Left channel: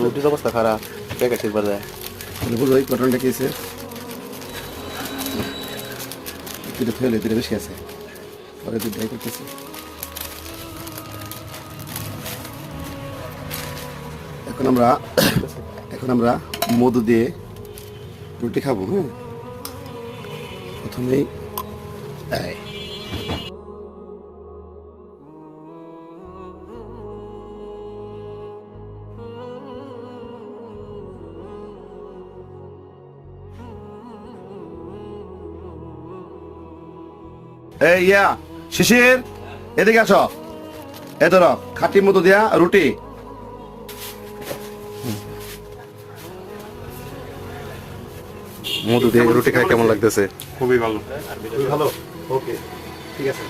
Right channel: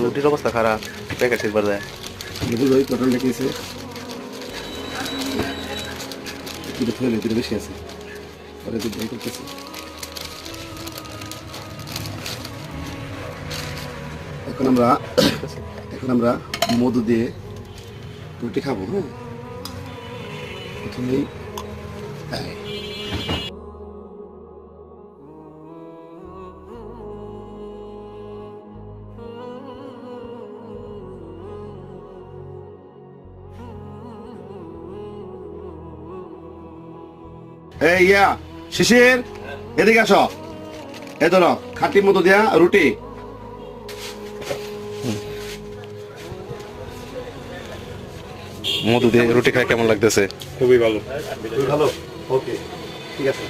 রুটির অবস্থা খারাপ, প্যাকেট ঠিক বাজায়। ভাই কটনটা খেয়েছে, একটু ফেলে দিলে বেশি আছে, পরে দুধ ভাই করতেছে। এখন আমরা মধু দিয়ে রুটি খাবো। হ্যাঁ, প্রথমেই তাই এই ইয়া শিশির, এদিকে আসো। এ ধরো খাঁটি মধু দিয়া রুটি। মধু দিয়ে রুটি খাই কেমন লাগতেছে? খুবই ভালো, খুবই ভালো। ওকে, ঠিক আছে।